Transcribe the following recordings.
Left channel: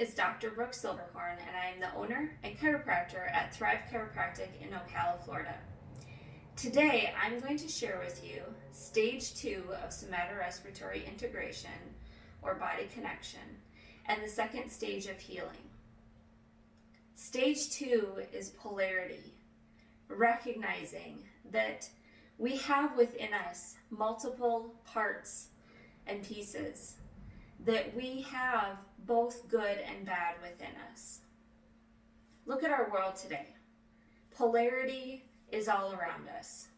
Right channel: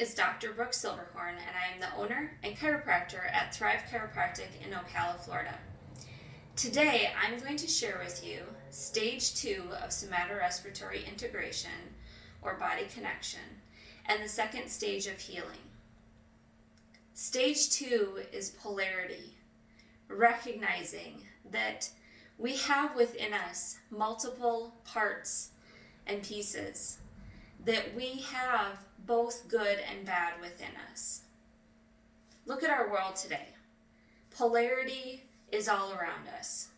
is Dr. Brooke Silberhorn, and I am the owner and chiropractor at Thrive Chiropractic in Ocala, Florida. Today, I'm going to share with you Stage 2 of SomatoRespiratory Integration, or body connection, and the second stage of healing. Stage 2 is polarity, recognizing that we have within us multiple parts and pieces, that we have both good and bad within us. Look at our world today. Polarity is all around us.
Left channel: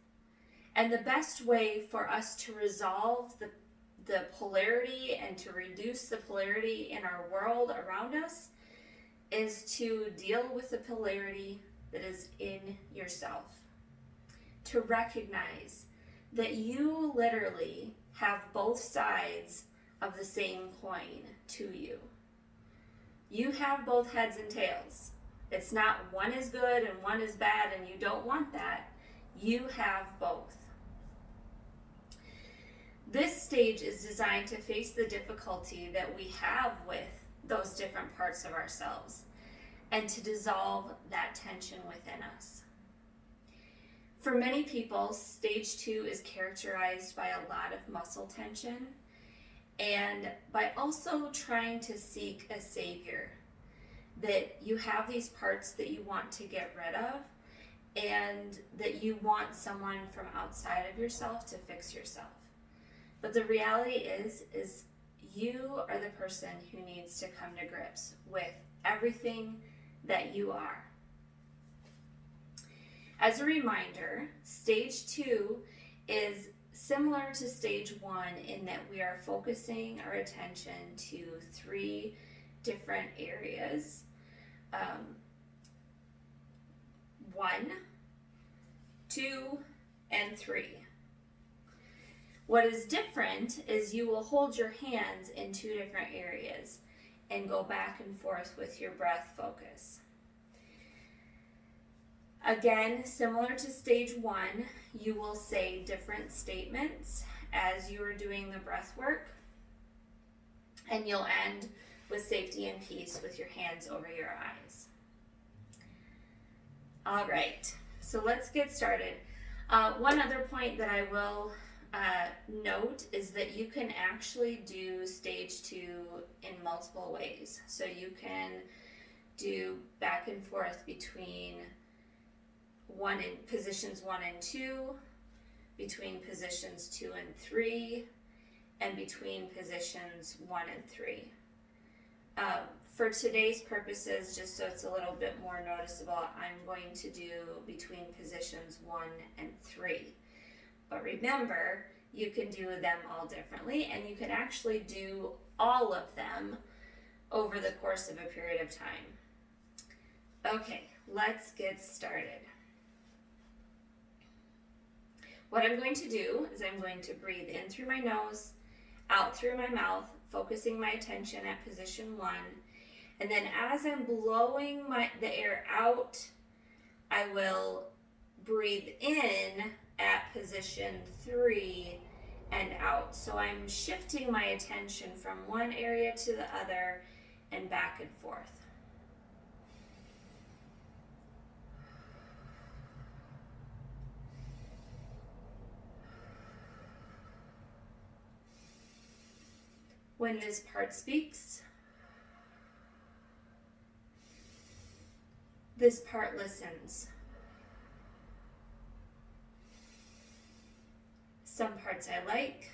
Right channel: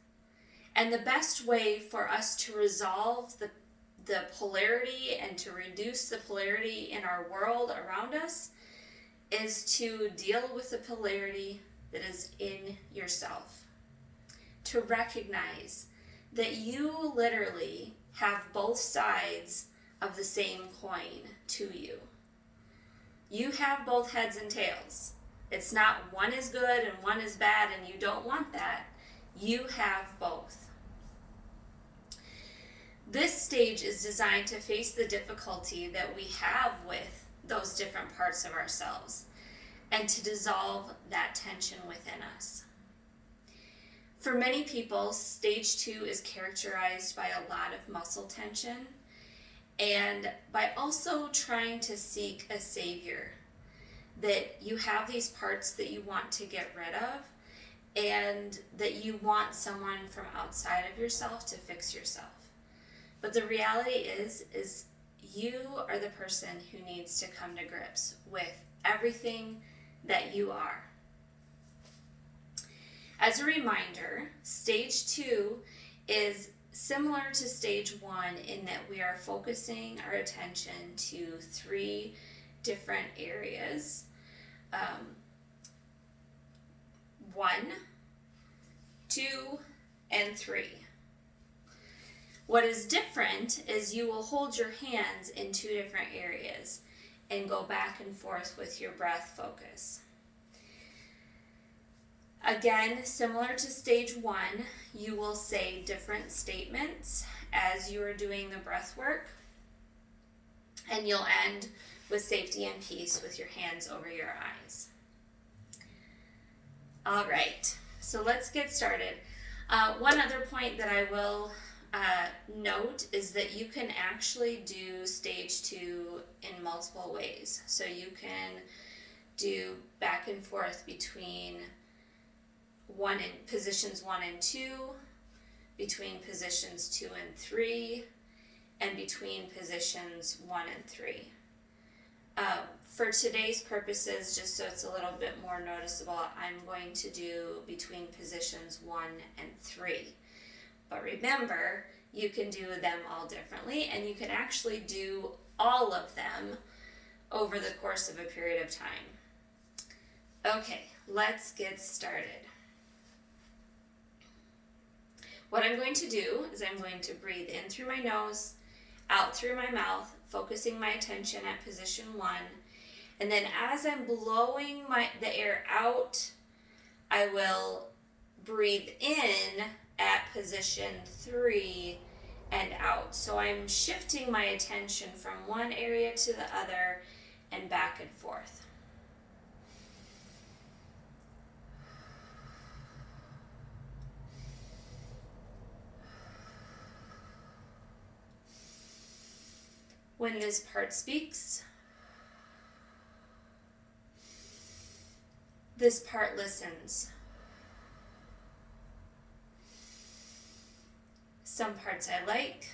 And the best way for us to resolve the polarity and to reduce the polarity in our world around us is to deal with the polarity that is in yourself. To recognize that you literally have both sides of the same coin to you. You have both heads and tails. It's not one is good and one is bad and you don't want that. You have both. This stage is designed to face the difficulty that we have with those different parts of ourselves and to dissolve that tension within us. For many people, stage 2 is characterized by a lot of muscle tension and by also trying to seek a savior, that you have these parts that you want to get rid of and that you want someone from outside of yourself to fix yourself. But the reality is you are the person who needs to come to grips with everything that you are. As a reminder, stage 2 is similar to stage 1 in that we are focusing our attention to 3 different areas. 1, 2, and 3. What is different is you will hold your hands in 2 different areas and go back and forth with your breath focus. Again, similar to stage 1, you will say different statements as you are doing the breath work, and you'll end with safety and peace with your hands over your eyes. All right, so let's get started. One other point that I will note is that you can actually do stage 2 in multiple ways. So you can do back and forth between positions 1 and 2, between positions 2 and 3, and between positions 1 and 3. For today's purposes, just so it's a little bit more noticeable, I'm going to do between positions 1 and 3. But remember, you can do them all differently, and you can actually do all of them over the course of a period of time. Okay, let's get started. What I'm going to do is I'm going to breathe in through my nose, out through my mouth, focusing my attention at position 1. And then as I'm blowing the air out, I will breathe in at position 3 and out. So I'm shifting my attention from one area to the other and back and forth. When this part speaks, this part listens. Some parts I like,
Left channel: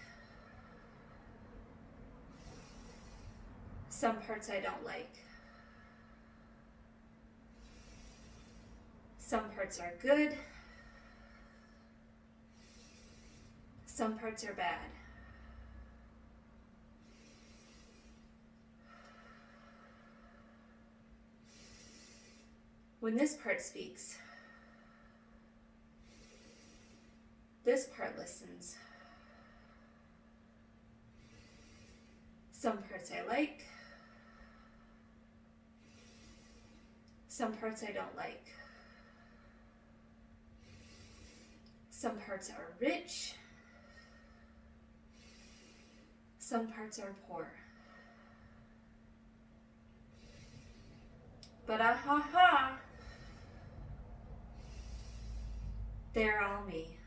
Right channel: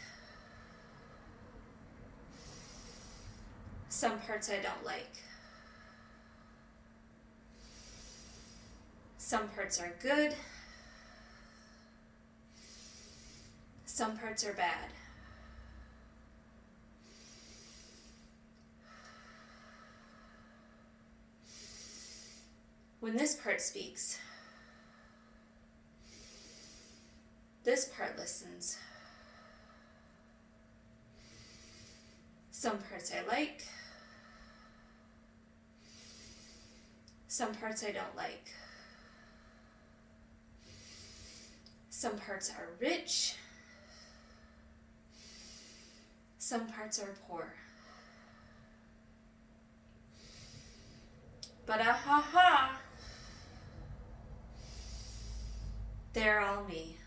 some parts I don't like. Some parts are good, some parts are bad. When this part speaks, this part listens. Some parts I like, some parts I don't like. Some parts are rich, some parts are poor. But ha, they're all me.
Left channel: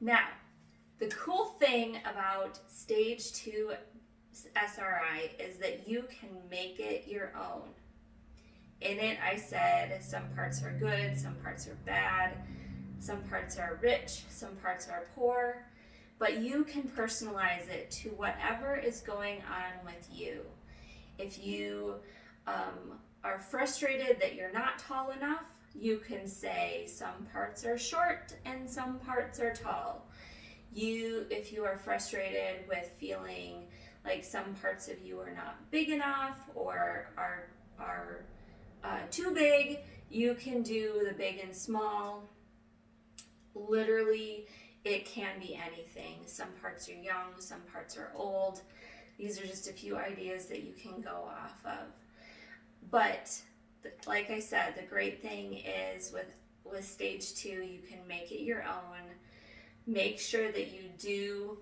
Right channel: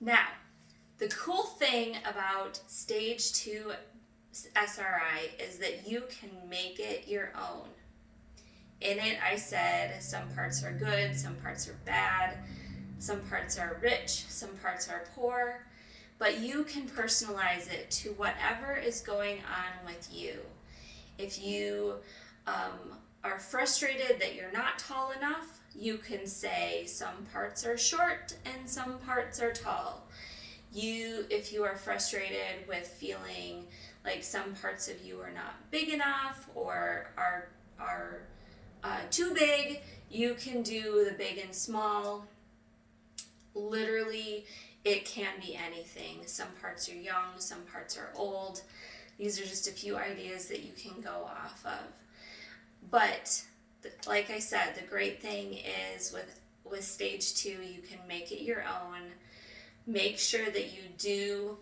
Now, the cool thing about stage 2 SRI is that you can make it your own. In it, I said some parts are good, some parts are bad, some parts are rich, some parts are poor, but you can personalize it to whatever is going on with you. If you are frustrated that you're not tall enough, you can say some parts are short and some parts are tall. If you are frustrated with feeling like some parts of you are not big enough or are too big, you can do the big and small. Literally, it can be anything. Some parts are young, some parts are old. These are just a few ideas that you can go off of. But like I said, the great thing is with stage 2, you can make it your own. Make sure that you do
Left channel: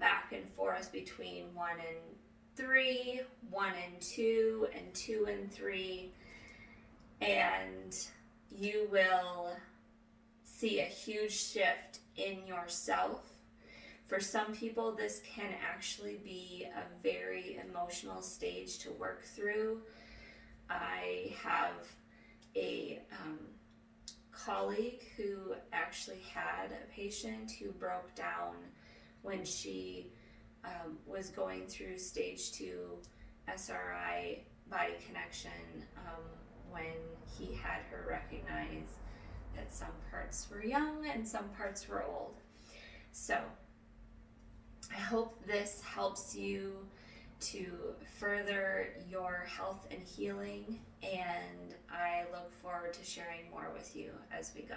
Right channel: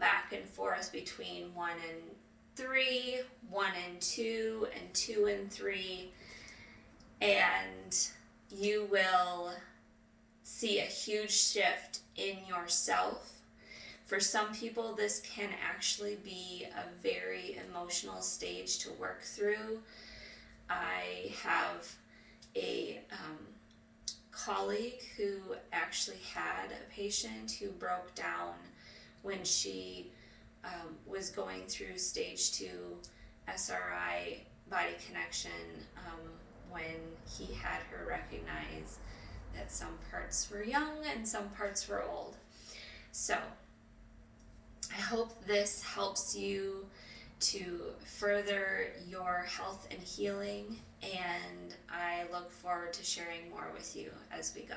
back and forth between 1 and 3, 1 and 2, and 2 and 3, and you will see a huge shift in yourself. For some people, this can actually be a very emotional stage to work through. I have a colleague who actually had a patient who broke down when she was going through stage 2 SRI body connection, when he had her recognize that some parts were young and some parts were old. So I hope this helps you to further your health and healing, and I look forward to sharing more with you as we go.